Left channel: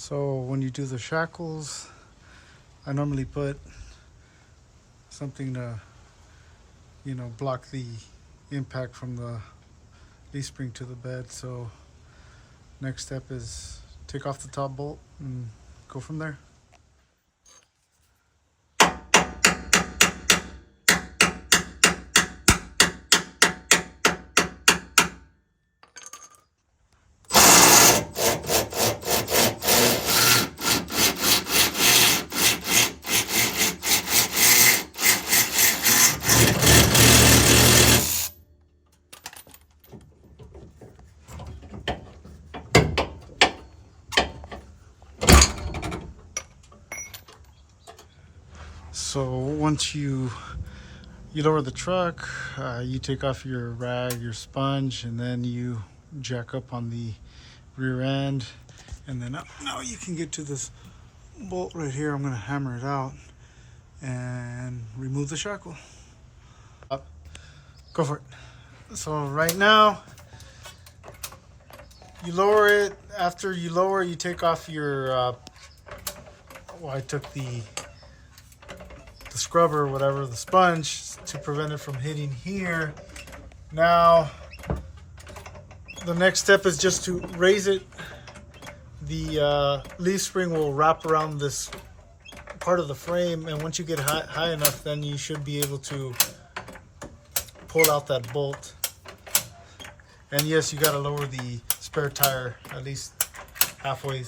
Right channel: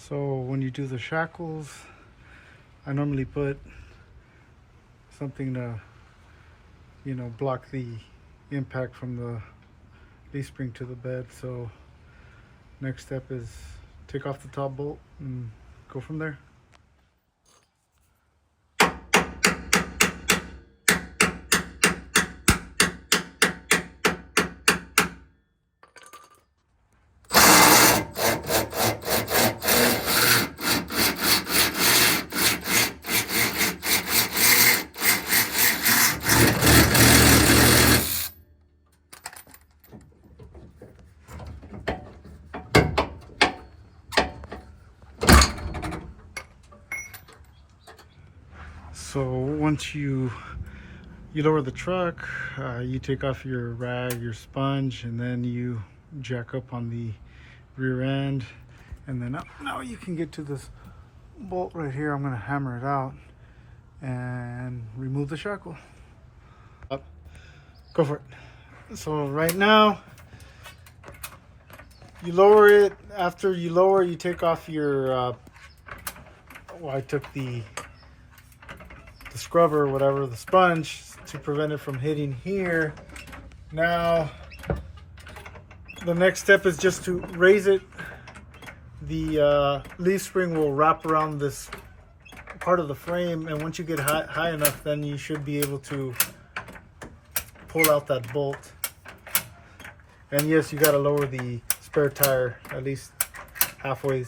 So when you do the shackles, I normally put something to, block the impact from the leaf spring to the bed. So next step is take off the top bolt and go from there. So once you lower the truck, you take off your rag, your sponge, and then you jack up on the rear end, and then now you can get to this bolt right here. I'm going to hammer it out and remove the shackle. Up. Go for it. So right now you lower it. After you lower, you take off your I took the scrubber or whatever, the sponge, to prevent it from hitting here. Now the next step is just to raise it. The leaf spring will wrap around this part of the frame, and once you get high enough, then you should be able to pull out that bolt. And yes, you got to lower the spare tire at least halfway.